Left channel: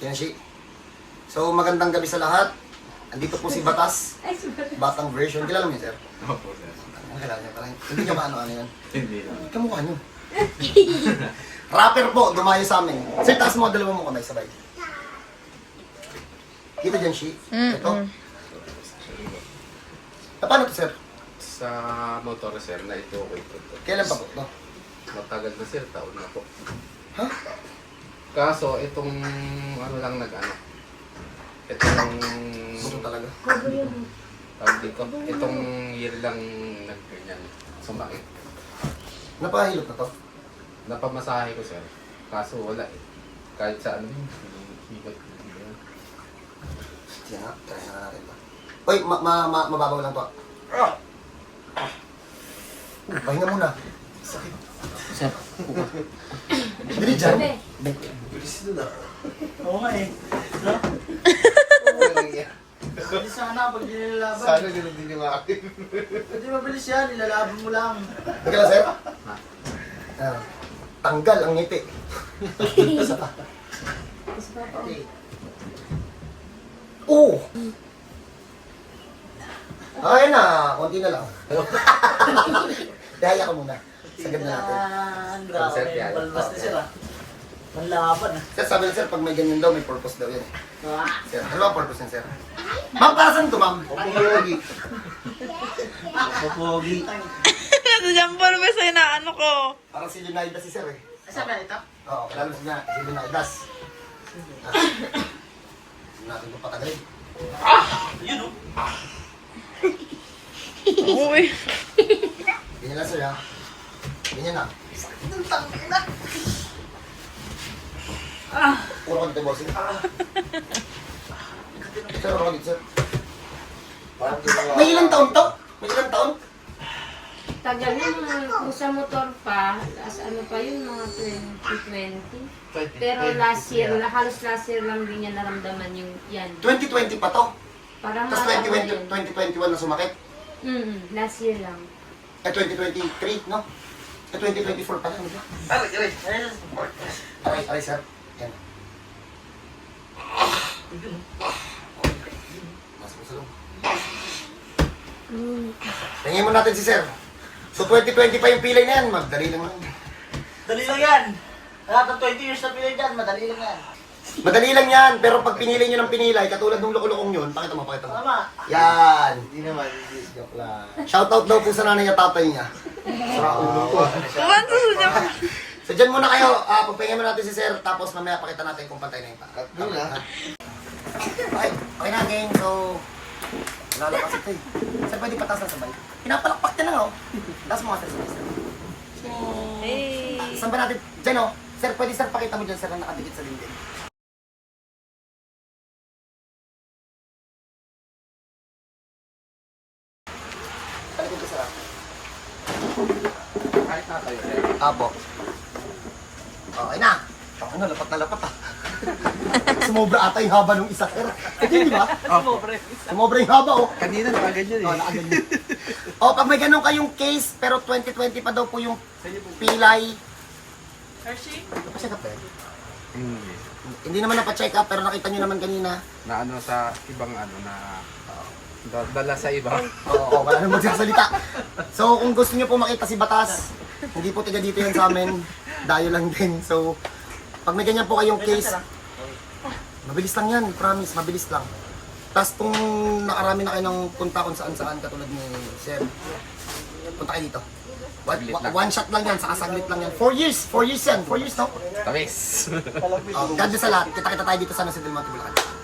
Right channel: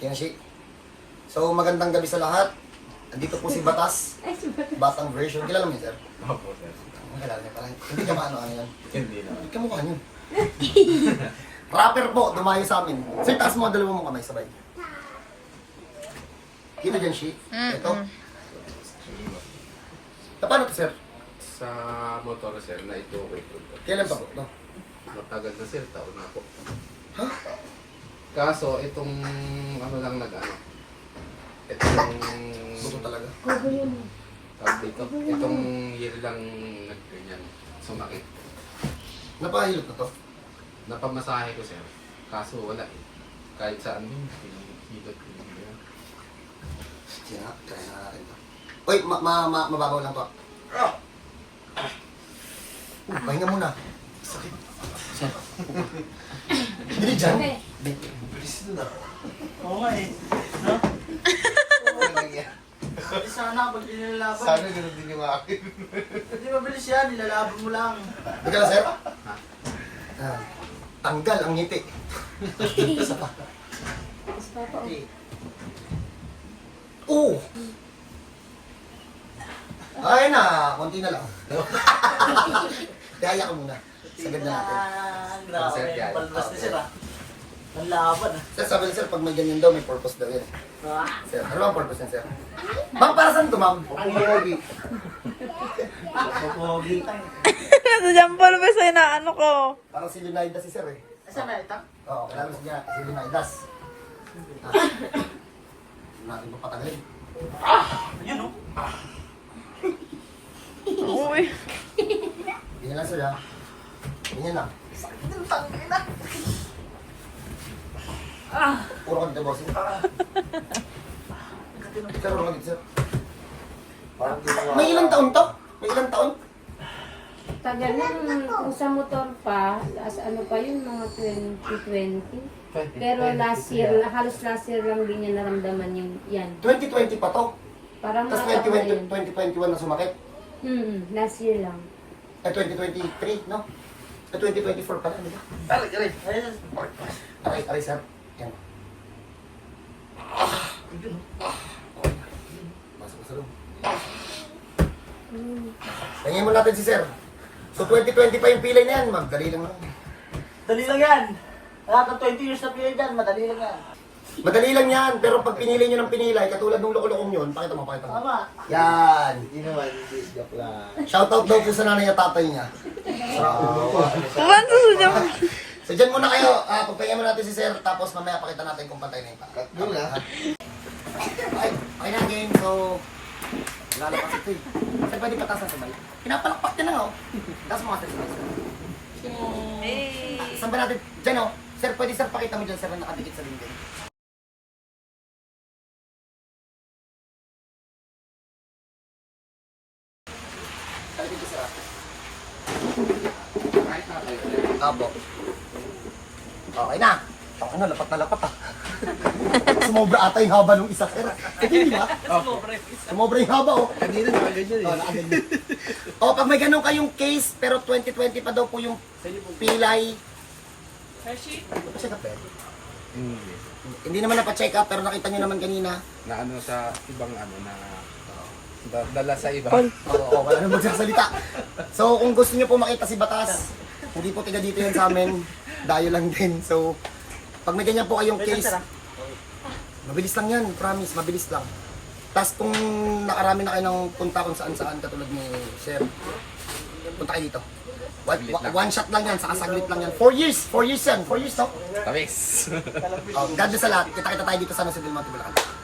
Yan siya. So, magandang gabi sa lahat. Andito po si Batas. Batang version. Kilala mo yun, sir? Opo, sir. Kilala niyo parang. Hindi niya maano-ano yan. Hindi lang. Kamukha niyo. Rapper po, dumayo sa amin. Sir, taas mo, dalawa mo kamay, sabay. Dito dyan, Shi. Ito. Paano to, sir? Sa motor, sir, na ito ko ito. Kailan pa po ito? Matagal na, sir. Taon na po. Ha? Kaso, itong ano lang nag-ano. Itong... Buto talaga. Tawag dito. Itong year lang nag-ganyan. Sumakit. Napahilot na to. Napamasahe ko, sir. Kaso wala eh. Kahit saan yun, hilot ko. Sige nga, try na natin to. Uy, mababaw lang to. Pahinga muna. Sakit. Sir. Dili dyan. Oo nga eh. No? Sana pag nilalaban. Sana ganun din yung akin. Hindi mabilis yan, nilalaban mo lang. Teka lang, sir. Tanggal ang ngiti. Isa pa. Oo! Ayun na, konti na lang. Daya ka muna. Sagad na natin. Grabe, Sir, yan. palabas na sila. Panlaban. Sir, sabi na sir, pag may ganyan daw, may purpose daw yan. Ah. Sir, ano ba ang purpose niya, sir? Ma'am, para saan ito, ma'am? Pogi. Pogi. Sa Jampol ba sa inaano ko? Parang si Leonidas si sir eh. Asa ba ito? Oo, kilala mo siya, si Leonidas. Hindi natin ito patagalin. Yun o. Uy. Ganyan lang sir, ha? Ganyan lang. Sakit ng tangin na. Puro ka dito, bossing. Sir, puro ka dito, sir. May ilang taon to? May ilang taon? Tagal na kung sa motor pa, ano pa yun, mga 2020. Pero last year, halos last year lang din niya naramdaman yung yan. 2020 pa to. Parang Tapos mga taon na yun. 2021 na sumakit. Last year lang. Eh, 2023, no? Eh, 2024 pa lang, di ba? Aray, sir. Yan. Mas masalong. Tingin mo natin si sir. So, 2020 pa yung pilay na yan. Magdali lang lang. Dali lang yan. Lahat ng 20 years na pinay dyan, madali lang yan. Madali lang yan, pero pag pinili nyo ng pinilay, katulad ng loko-lokong yun, pakita mo. Tama. Yan. Hindi naman, hindi. Joke lang. Shoutout daw po sa nanay at tatay niya. Pumanto sa Jampol. So, dyan muna kayo. Pagpahinga mo natin si sir, tapos mamaya pakita natin kung pantay na yung pa. Doon lang. Okay na game. So, lalakas ito eh. Sir, pwede patas na sabay. Pinapalakpak niya na nga oh. Tapos mga sir. Saan ba natin? Dyan oh. Sir, pwede sir, pakita mo dyan sir na nakadikit sa dingding. Kahit na tayo. Apo. Okay na. Okay na, lapat na lapat ah. Sumobra ata yung haba ng isa sir. Ito yun, di ba? Sumobra yung haba oh. Kanina nakaganyan Oh, nakaganyan. Oh, pag may ganun kayong case, pero 2020 pa daw po yung pilay. Hershey? Check up eh. Hindi naman napacheck up, pero nakita nyo naman kanina. Na ano sa ibang ano na dala sa iba. Oo, wala nang magsasalita. So, kung gusto nyo po makita si Batas, hindi po tiga dito yan sa amin. Dayo lang din. So, pag may ganyan po kayong case, mabilis lang yan, promise, mabilis lang. Tapos kung nakarami na kayo ng punta kung saan-saan, katulad ni Sir, punta kayo dito. One shot lang yan, saka saglit lang yan. 4 years yan, 4 years no? Tamis. God bless sa lahat. Kita-kita tayo dito sa San Jose del Monte, Bulacan.